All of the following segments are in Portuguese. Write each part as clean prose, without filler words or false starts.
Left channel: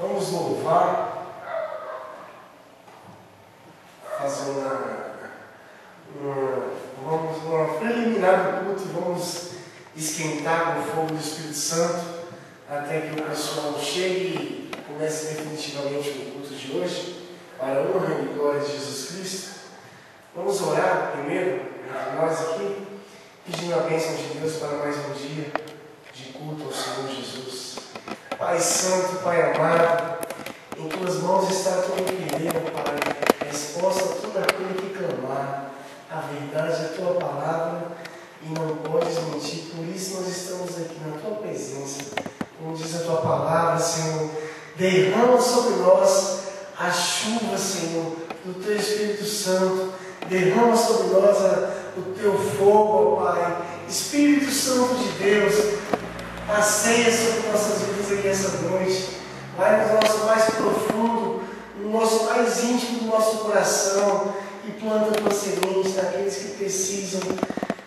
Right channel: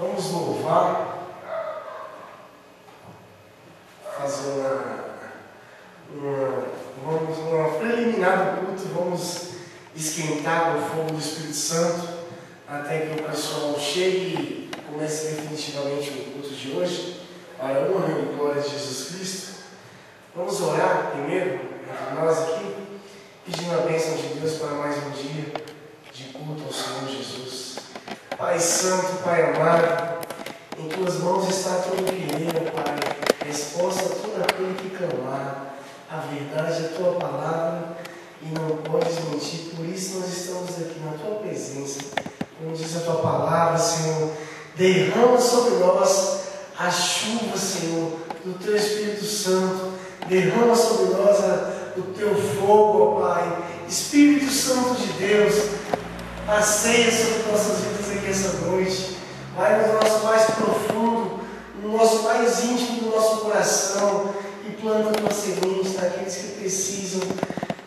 Vamos louvar, fazer uma preliminar do culto, vamos esquentar o fogo do Espírito Santo até que o pessoal chegue e comece definitivamente o culto de hoje, para a honra e glória de Jesus Cristo. Vamos orar primeiro, entre nós aqui, pedindo a bênção de Deus para mais um dia de culto ao Senhor Jesus. Pai Santo, Pai amado, em Tuas mãos está todo querer, Pai, resposta a todo aquele que clamar. A verdade é a Tua palavra e não podes mentir, por isso nós estamos aqui na Tua presença. Como diz a Tua palavra, Senhor, derrama sobre nós a chuva, Senhor, do Teu Espírito Santo, derrama sobre nós o Teu fogo, ó Pai. Espírito Santo de Deus, passeia sobre nossas vidas aqui essa noite. Vai no nosso mais profundo, no nosso mais íntimo do nosso coração, e planta a Tua semente naqueles que precisam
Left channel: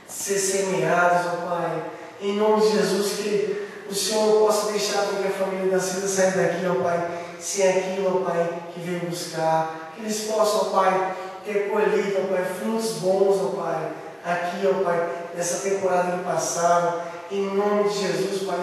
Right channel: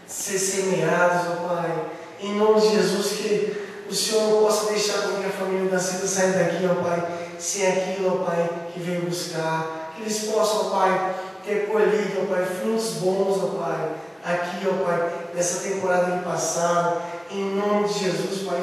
ser semeados, ó Pai. Em nome de Jesus, que o Senhor não possa deixar com que a família da Cida saia daqui, ó Pai, sem aquilo, ó Pai, que veio buscar. Que eles possam, ó Pai, ter colhido, ó Pai, frutos bons, ó Pai, aqui, ó Pai, nessa temporada que passaram. Em nome de Jesus, Pai,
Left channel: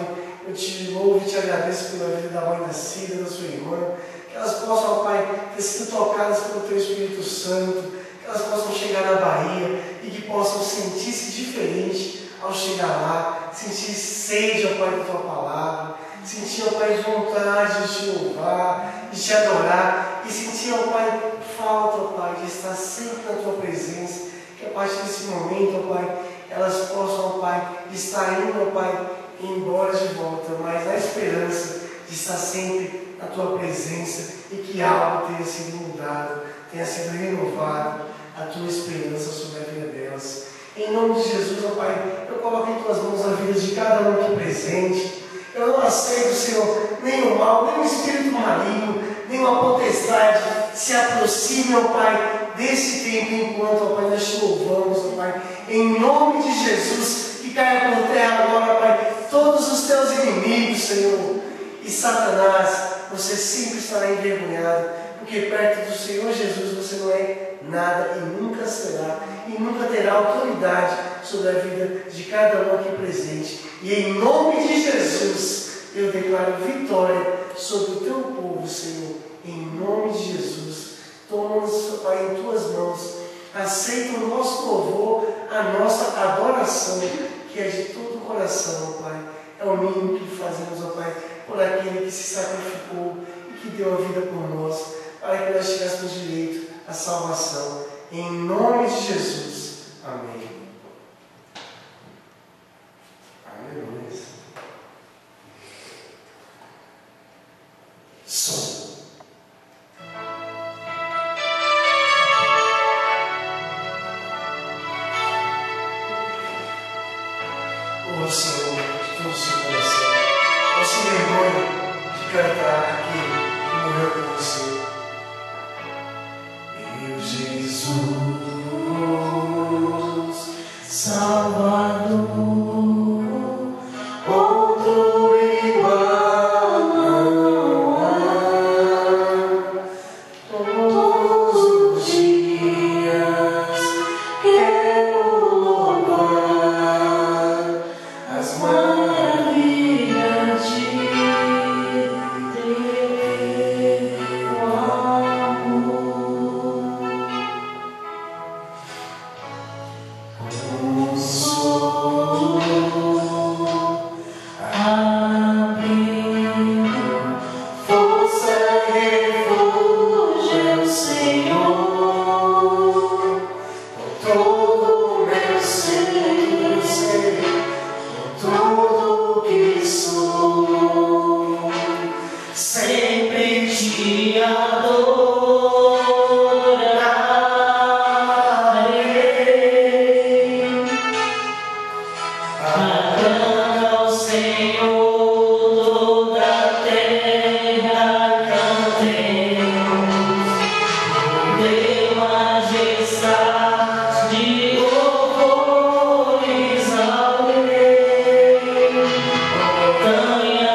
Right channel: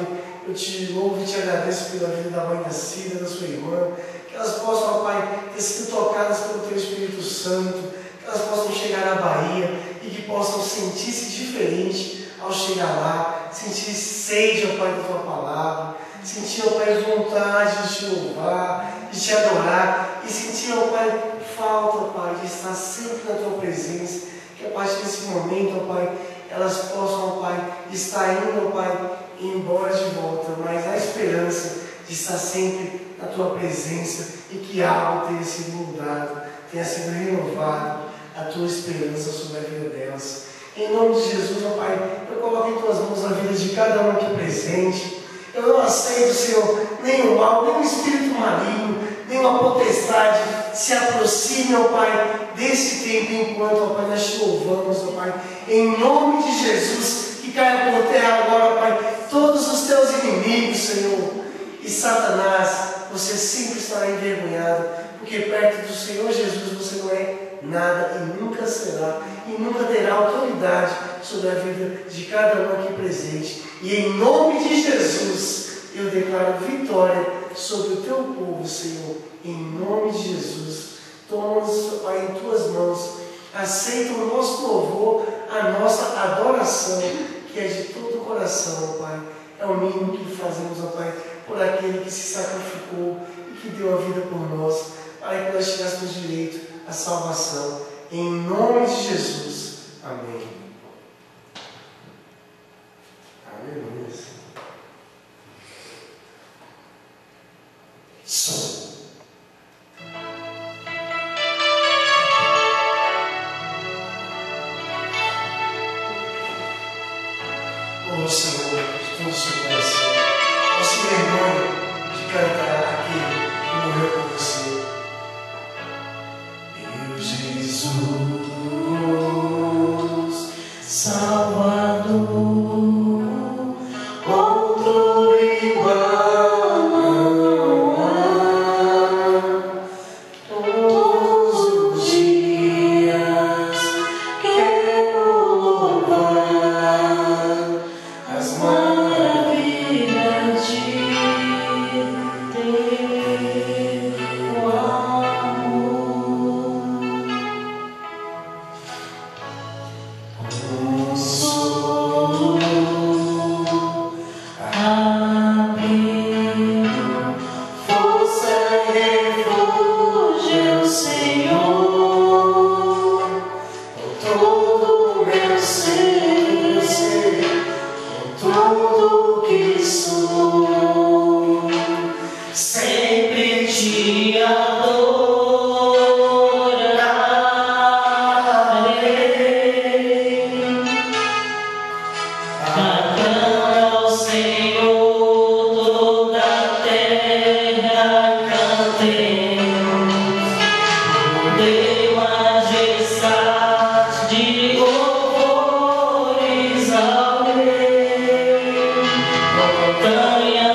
eu te louvo e te agradeço pela vida da mãe da Cida, da sua irmã. Que elas possam, ó Pai, ter sido tocadas pelo Teu Espírito Santo. Que elas possam chegar na Bahia e que possam sentir-se diferente ao chegar lá. Sentir sede, ó Pai, da Tua palavra. Sentir, ó Pai, vontade de te louvar, de te adorar. E sentir, ó Pai, falta, ó Pai, de estar sempre na Tua presença. Que a partir desse momento, ó Pai, elas possam, ó Pai, estar indo, ó Pai, embora de volta, mas na esperança de estar sempre na Tua presença e que algo tenha sido mudado, tenha sido renovado, a Tua esperança sobre a vida delas. Em nome de Jesus, ó Pai, eu coloco em Tuas mãos a vida de cada um aqui presente. Eu não aceito, Senhor, nenhum mal, nenhum espírito maligno, nenhuma potestade se aproxime, ó Pai, desse tempo enquanto, ó Pai, nós te louvamos, ó Pai. Em nome de Jesus, que caia por terra agora, ó Pai, todos os Teus inimigos, Senhor. E Satanás, você sempre estará envergonhado, porque perto do Senhor Jesus você não é nada e nunca será, e nunca terá autoridade sobre a vida de cada um aqui presente. E em nome de Jesus, eu declaro vitória sobre o Teu povo, Senhor. Em nome de Jesus, toma-nos, Pai, em Tuas mãos. Aceita o nosso louvor, a nossa adoração, que é de todo o coração, Pai. É o mínimo que fazemos, ó Pai, por aquele que se sacrificou e que deu a vida por nós, para que nós tivéssemos direito à salvação. Em nome de Jesus. Amém. Aleluia. Som. Oh Senhor, de todo o seu coração, não se vergonhe de cantar aquele que morreu por você. Meu Jesus, Salvador, outro igual não há. Todos os dias quero louvar as maravilhas de Teu amor. Consolo, abrigo, força e refúgio é o Senhor. Com todo o meu ser, com tudo que sou, sempre te adorarei. Aclama ao Senhor toda a terra, cantemos. Deu majestade, louvores ao Rei. Montanha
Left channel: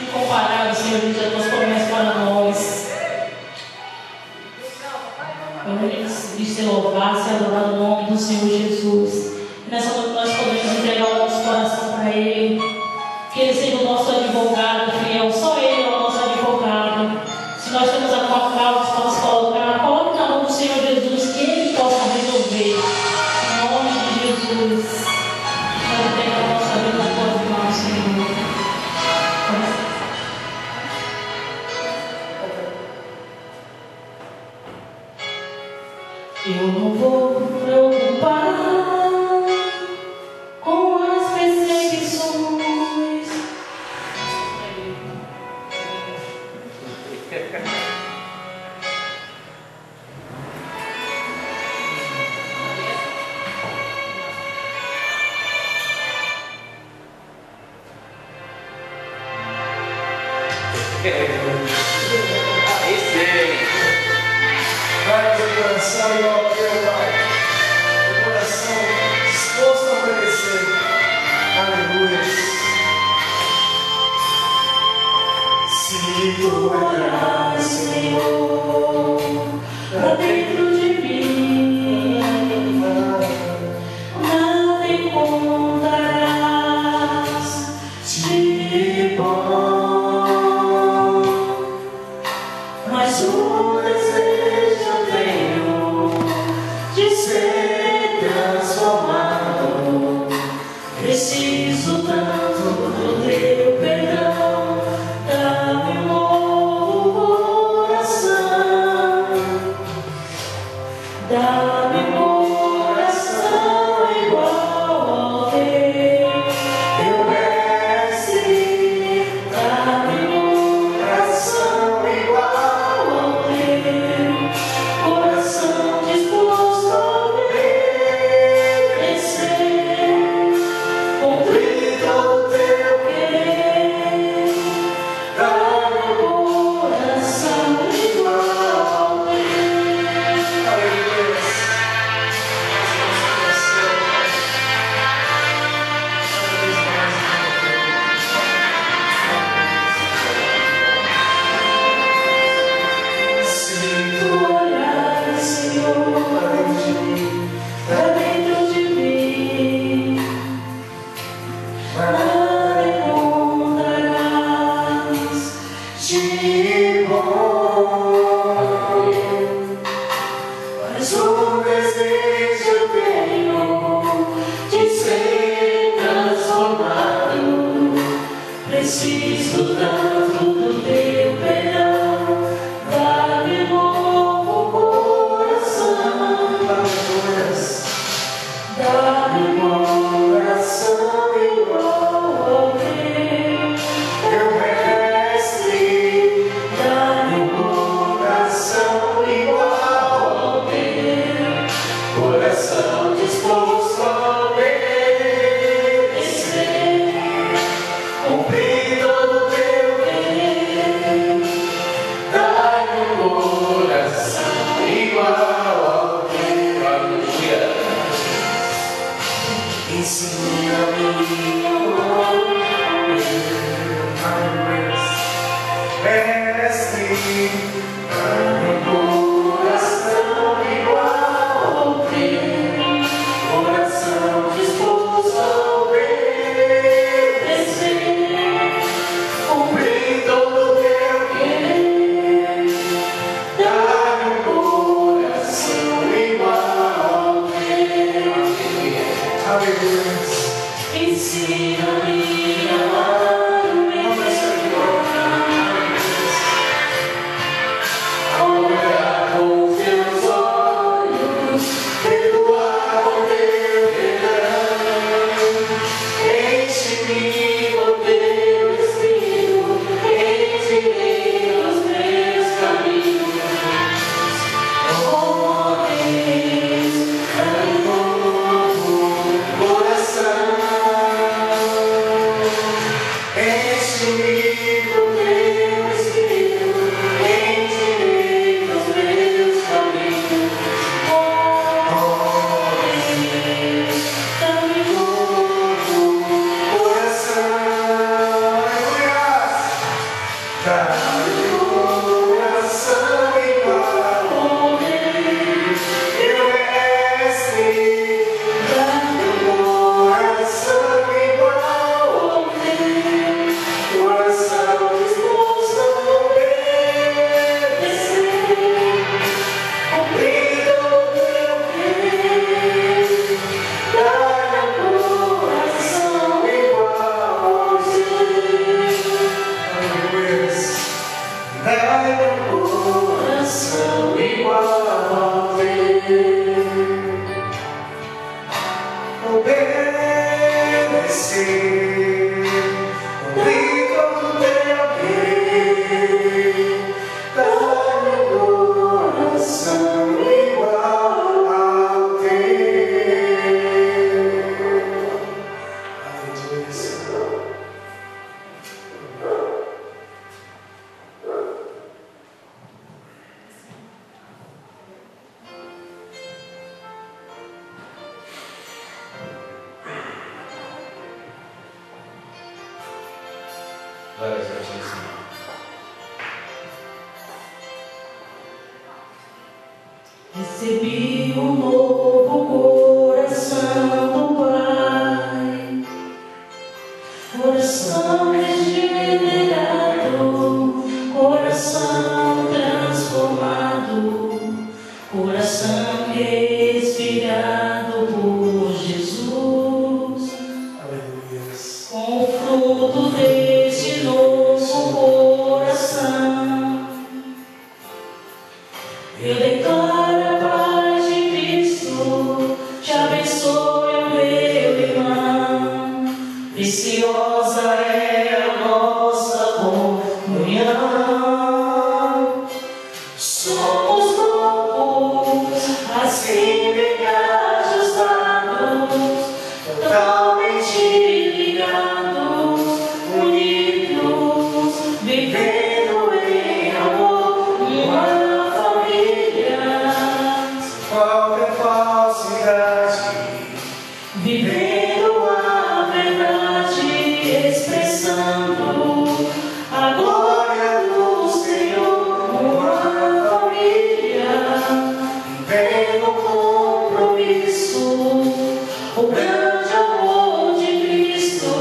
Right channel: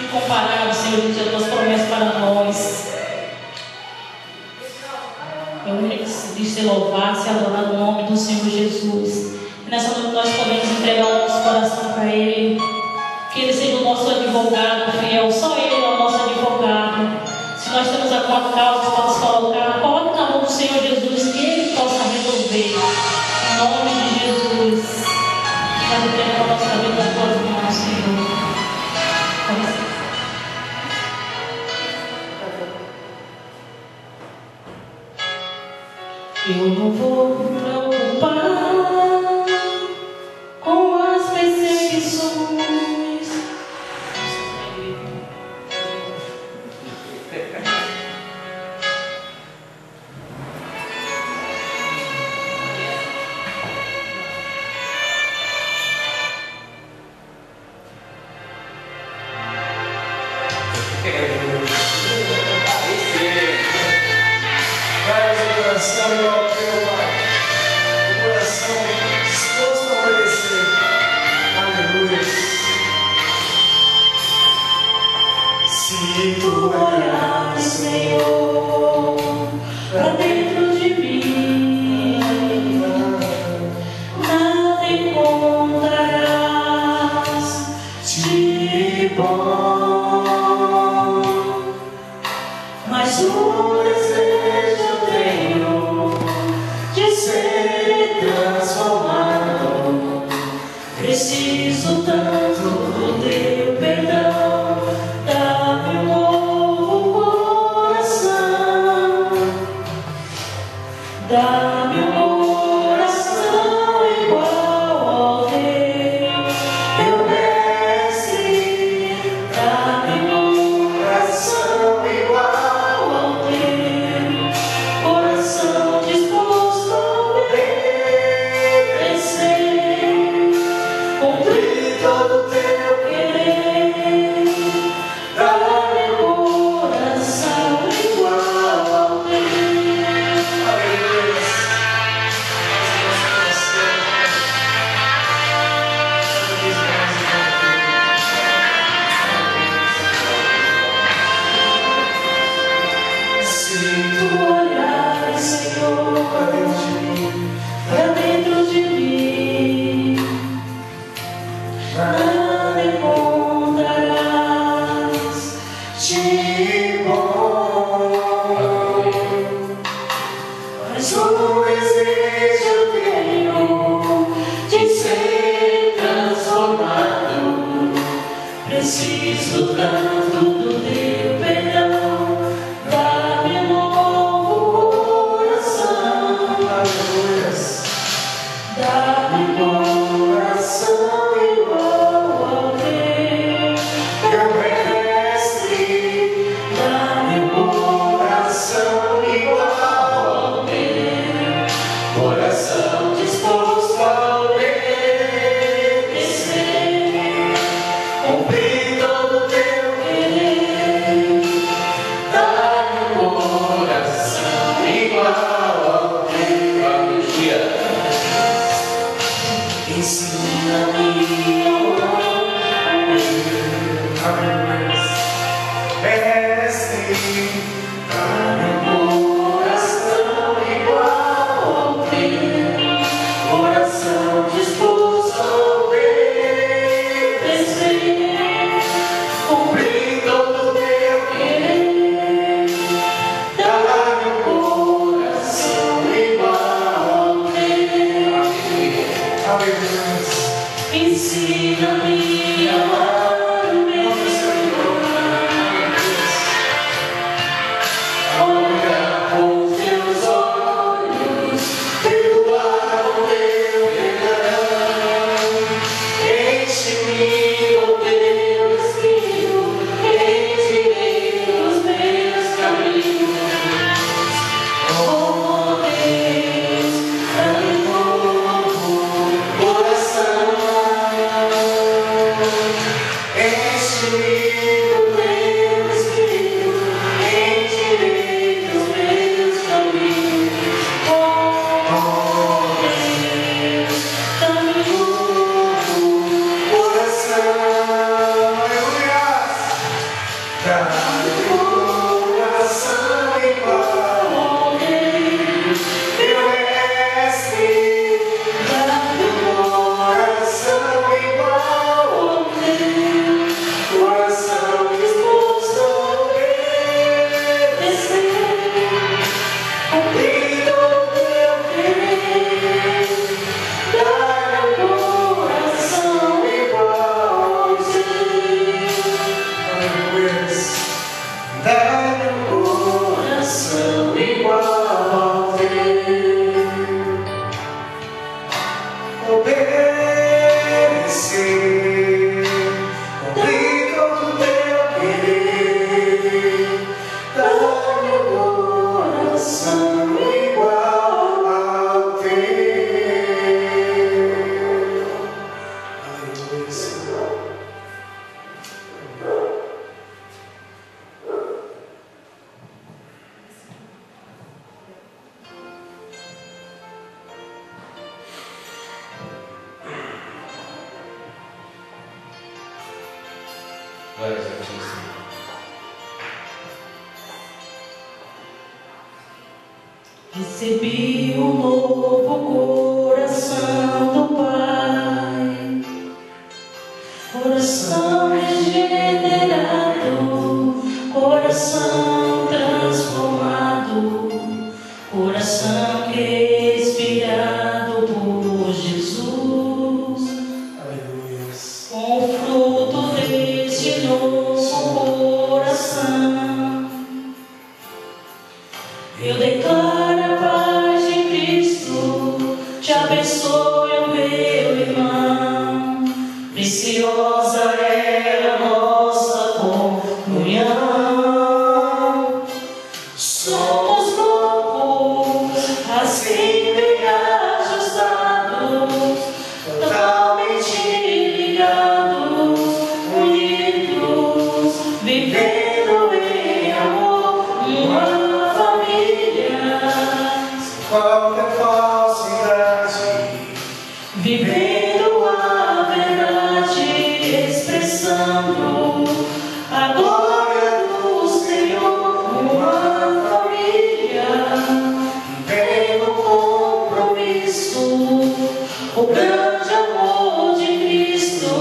Incomparável, Senhor, de as tuas promessas para nós. É único de ser louvado, ser adorado no nome do Senhor Jesus. E nessa noite nós podemos entregar o nosso coração para Ele. Que Ele seja o nosso advogado fiel. Só Ele é o nosso advogado. Se nós temos alguma causa para nos colocar, coloque na mão do Senhor Jesus, que Ele possa resolver. Em nome de Jesus. Nós entregamos a nossa vida nas tuas mãos, Senhor. Eu não vou me preocupar com as perseguições. Vai o coração e ao teu Pai, o coração disposto a obedecer. Aleluia. Se tu olhares, Senhor, para dentro de mim, nada encontrarás de bom, mas o desejo tenho de ser transformado. Preciso tanto do teu perdão, dá-me um novo coração, dá-me um coração igual ao teu, meu mestre, dá-me um coração igual ao teu, coração disposto a obedecer, cumprir todo o teu querer, dá-me um coração igual ao teu. Aleluia. Se tu olhares, Senhor, para dentro de mim, nada encontrarás de bom, mas o desejo tenho de ser transformado. Preciso tanto do teu perdão, dá-me um novo coração, dá-me um coração igual ao teu, meu mestre, dá-me um coração igual ao teu, coração disposto a obedecer, cumprir todo o teu querer, dá-me um coração igual ao teu. Aleluia. Ensina-me a amar, mestre, dá-me um coração igual ao teu, coração Ensina-me a amar o meu Senhor. Olhar com teus olhos, perdoar com teu perdão. Enche-me, ó Deus, Filho, enche-me os meus caminhos. Oh Deus, dá-me novo coração. Enche-me do teu Espírito, enche-me dos meus caminhos. Oh Deus, dá-me novo coração. Aleluia! Dá-me coração igual, oh Deus, meu mestre. Dá-me coração igual, oh Deus, coração disposto a obedecer. Cumprir o teu querer. Dá-me coração igual, oh Deus. Dá-me coração igual, oh Deus. Obedecer, cumprir todo o teu querer. Dá-me coração igual ao teu. Aleluia, Senhor. Glória a Deus, Senhor. Recebi um novo coração do Pai, coração regenerado, coração transformado, coração respirado por Jesus. Aleluia. Com o fruto deste novo coração, eu declaro a paz de Cristo, te abençoe, o meu irmão. Preciosa é a nossa comunhão. Somos corpos assim bem ajustados, totalmente ligados, unidos, vivendo em amor, uma família. Qualquer falsidade, Vivendo a verdade, expressando a glória do Senhor, uma família. Vivendo compromisso, o grande amor de Cristo.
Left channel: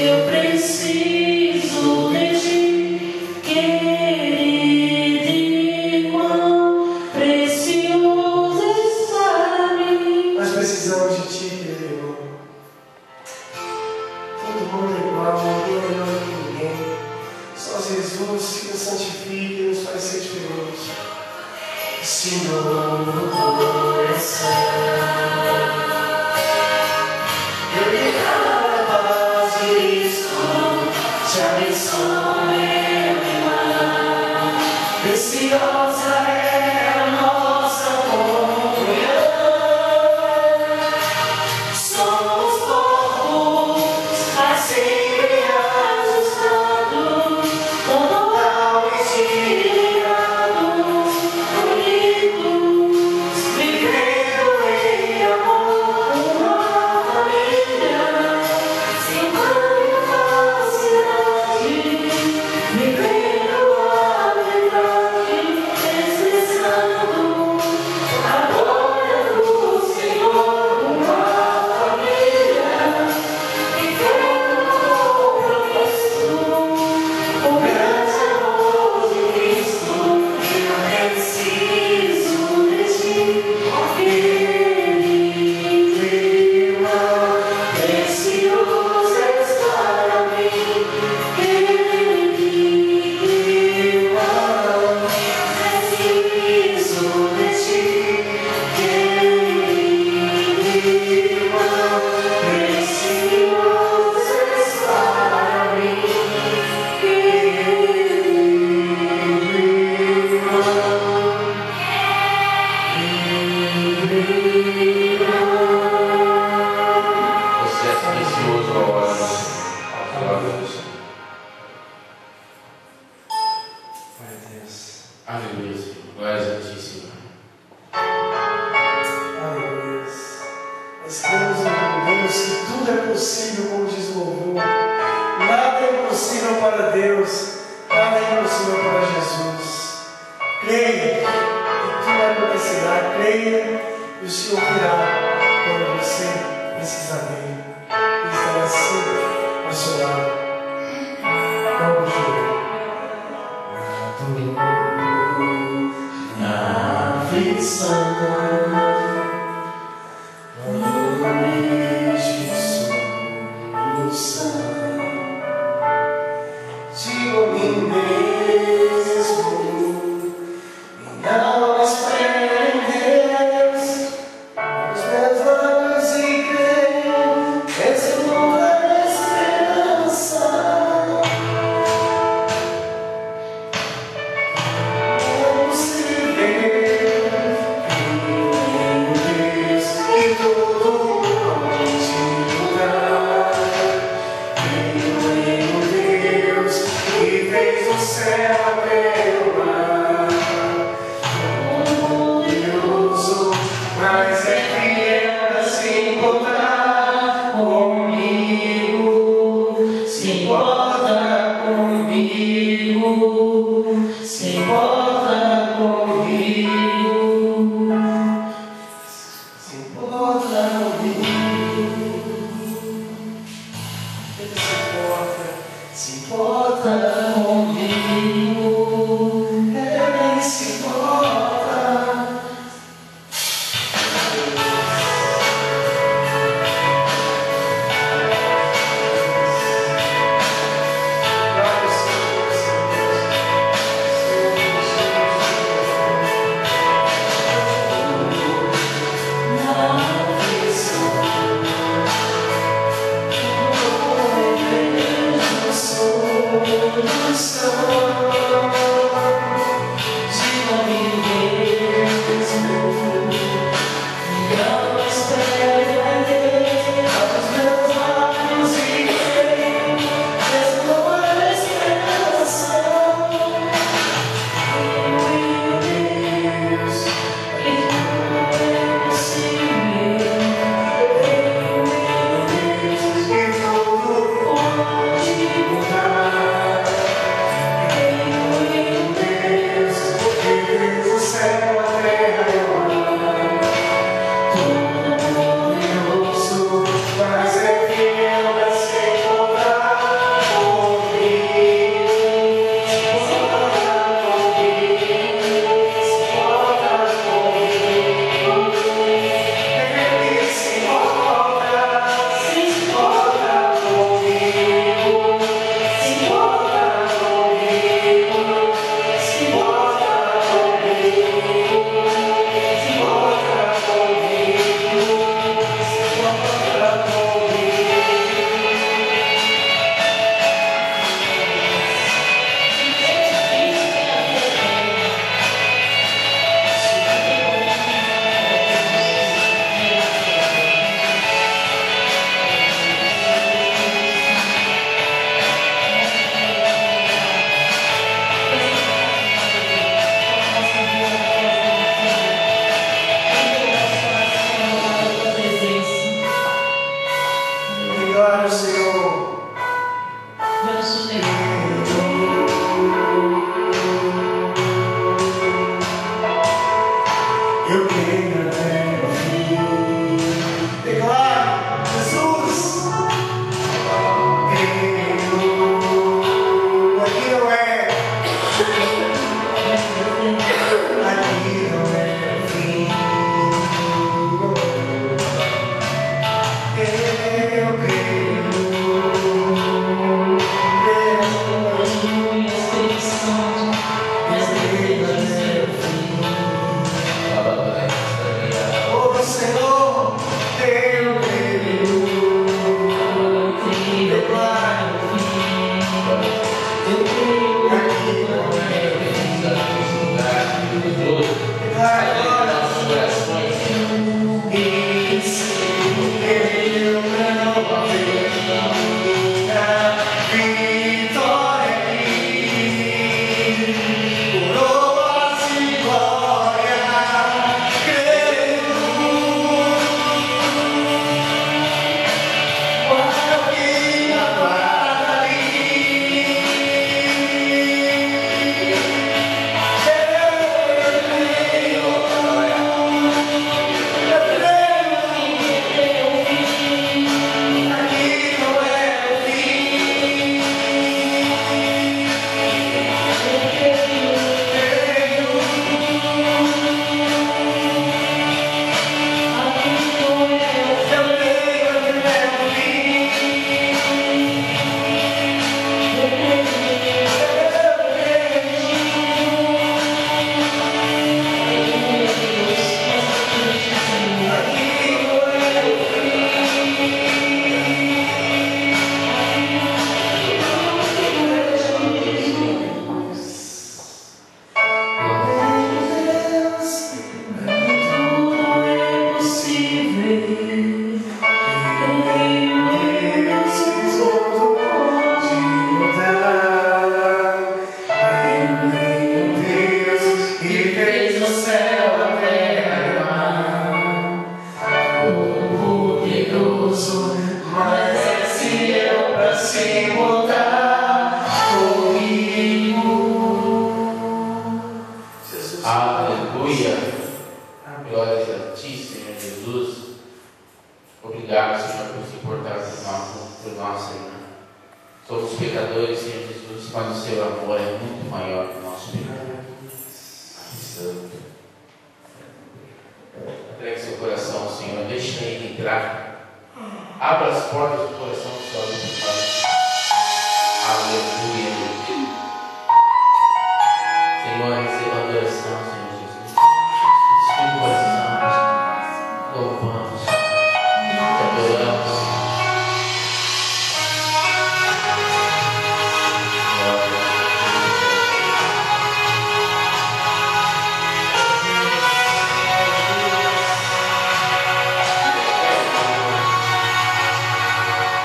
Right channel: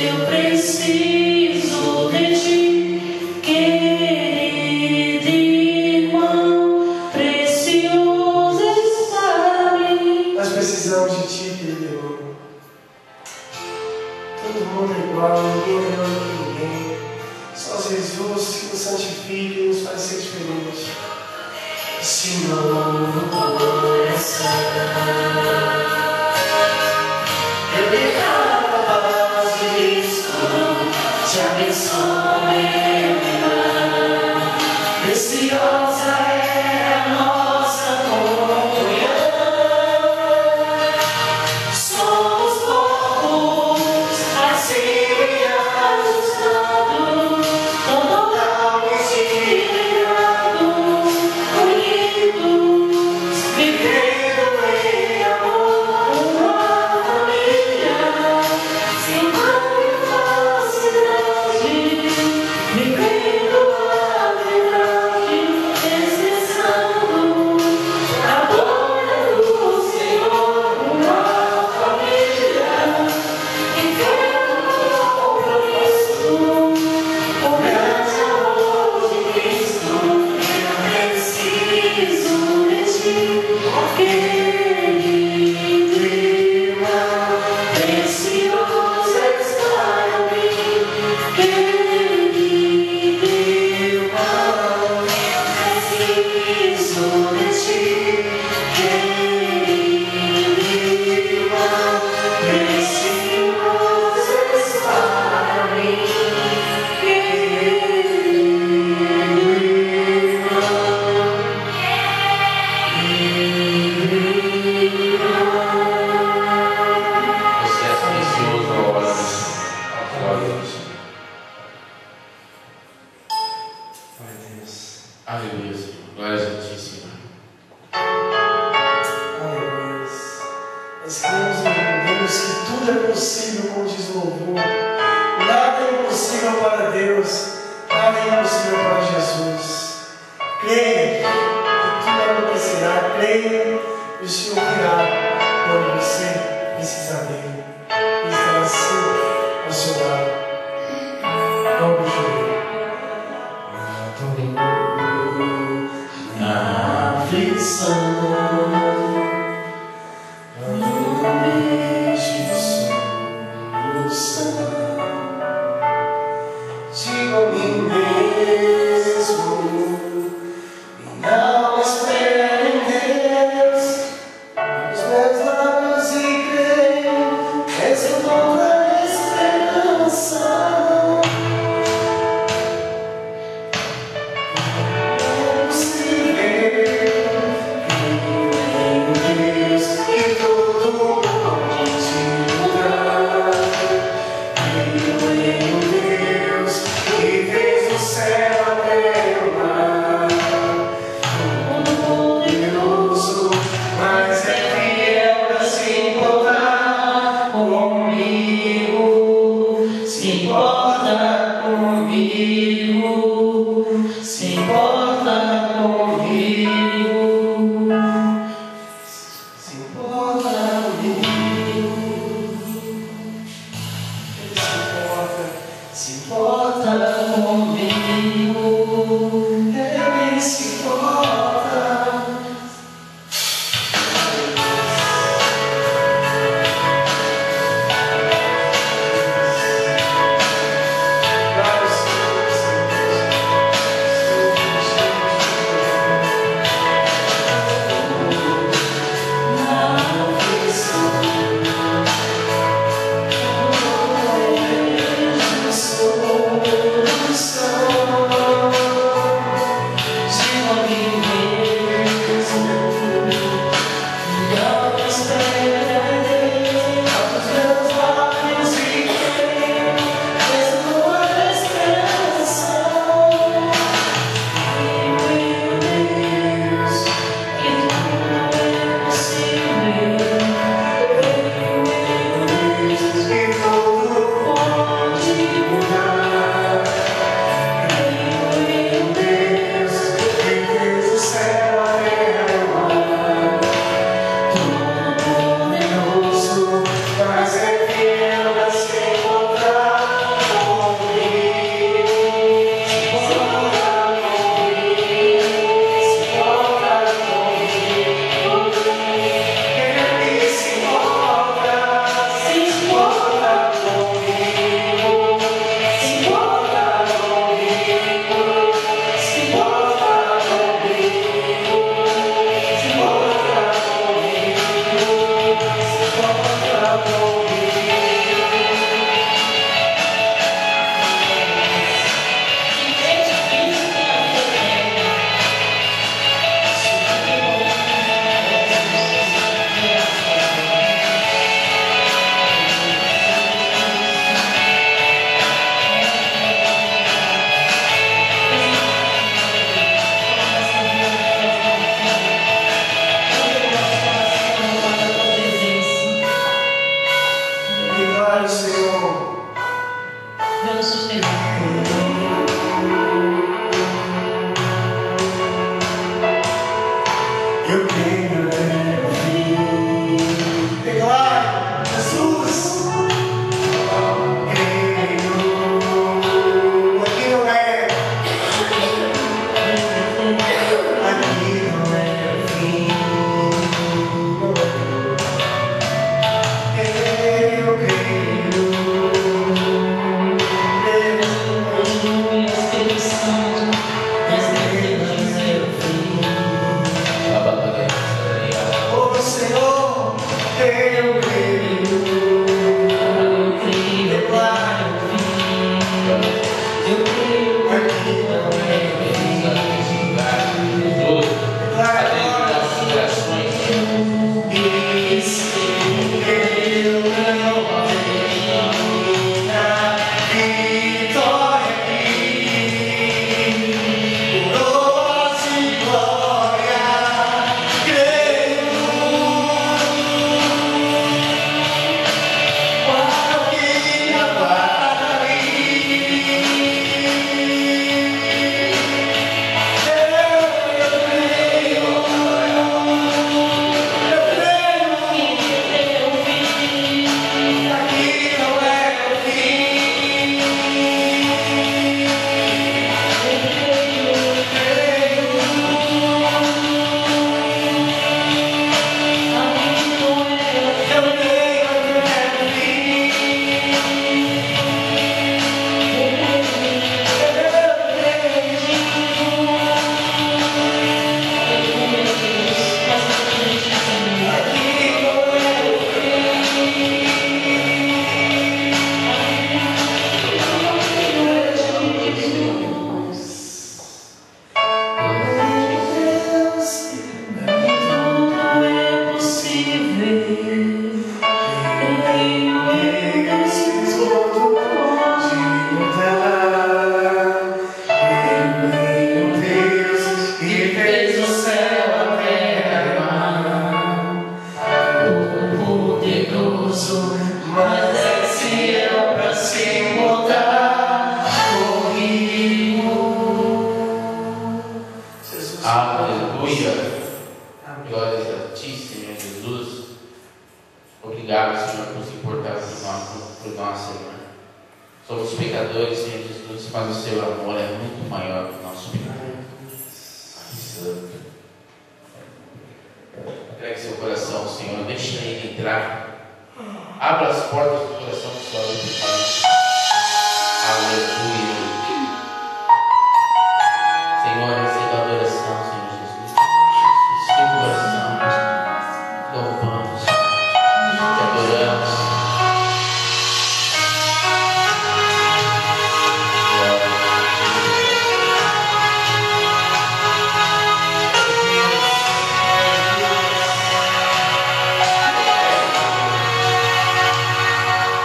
Eu preciso de ti, querido irmão, precioso está-me. nós precisamos de ti, querido irmão. Todo mundo é igual, ninguém é melhor do que ninguém. Só Jesus que nos santifica e nos faz ser diferente. Senhor, no coração, Eu declaro a paz de Cristo, te abençoe, irmão. Preciosa é a nossa comunhão. Somos corpos assim bem ajustados, totalmente ligados, unidos, vivendo em temos um Deus que tudo é possível, como diz o louvor. Nada é impossível para Deus, nada é impossível para Jesus. Creia que tudo acontecerá, creia e o Senhor virá quando você precisar dele. Ele estará sempre ao seu lado. Vamos chorar. Na aflição, quando vejo solução, digo a mim mesmo, minha alma espera em Deus, os meus lábios e creio, és uma esperança. Eu creio. nós, Senhor. Somos pecadores, Senhor Jesus, mas o seu amor é muito maior que o nosso pecado. Santo. Entregue seu coração, Senhor, deixa ele entrar. Abra as portas do coração do seu Pai. Aleluia. Senhor, receba a adoração, Senhor Jesus. Espírito coração, louvamos, te adoramos.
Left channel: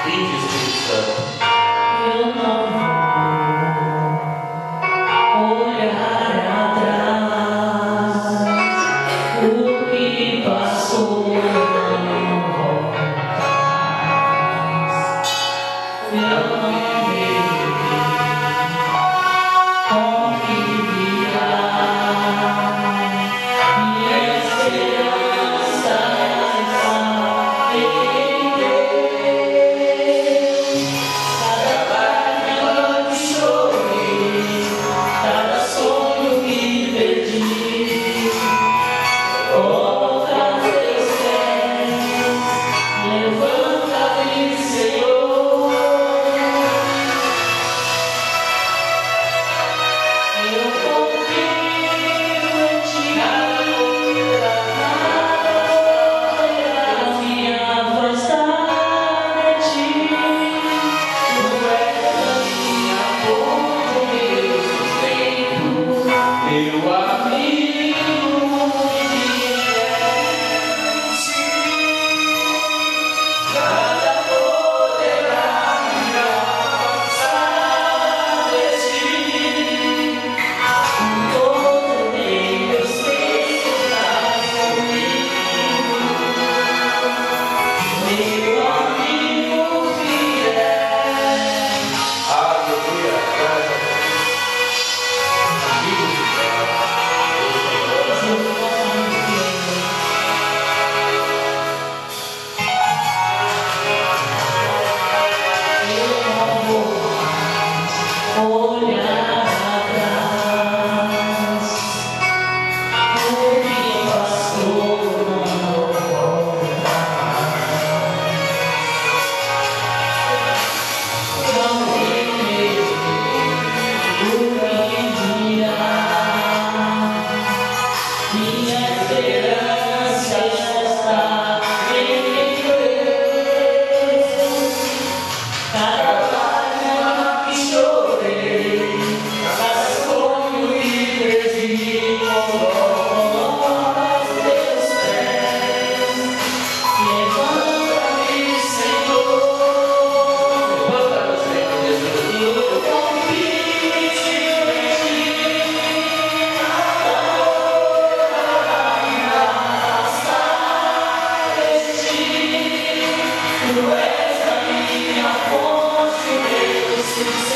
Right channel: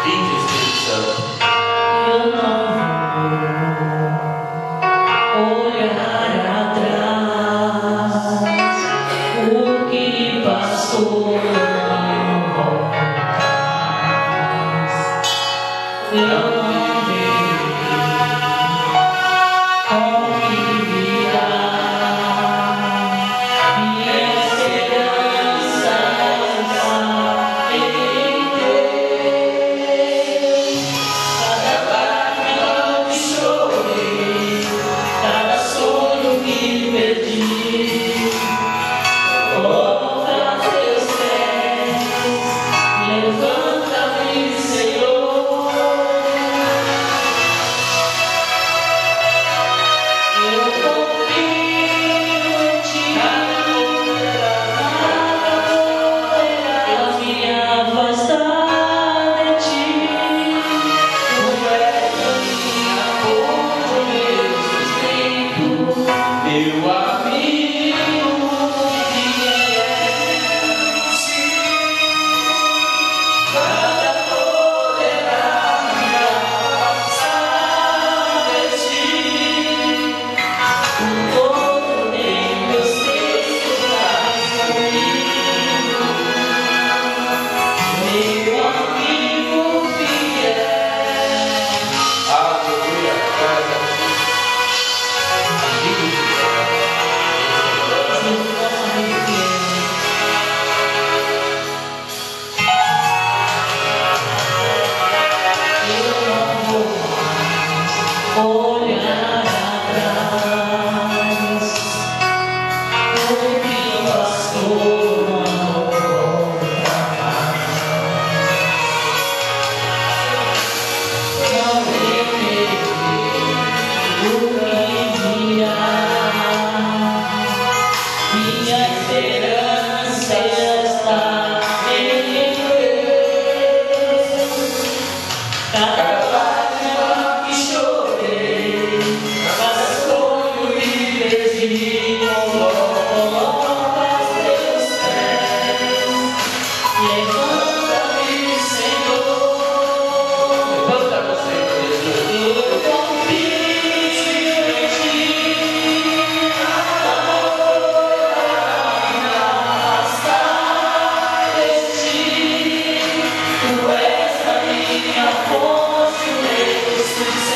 Vinde, Espírito Santo. Eu não vou olhar atrás, o que passou não volta. Eu não vejo como que virá. Minha esperança está em Deus. Cada lágrima que chorei, cada sonho que perdi, volta a teus pés, levanta-me, Senhor. Eu confio em ti, nada poderá me afastar de ti. Tu és a minha força, meu sustento, meu amigo fiel. Nada poderá me afastar de ti. O todo bem eu sei que estás comigo, meu amigo fiel. Aleluia, graças a Deus. Amigo de Deus, Seu nome fiel. Eu não vou mais olhar atrás, o que passou não volta mais. Não temerei o que virá. Minha esperança está em Deus. Cada lágrima que chorei, cada sonho que perdi, coloca aos teus pés. Levanta-me, Senhor. levanta você, Jesus. Eu confio em ti, nada poderá me afastar de ti. Tu és a minha força, meu sustento.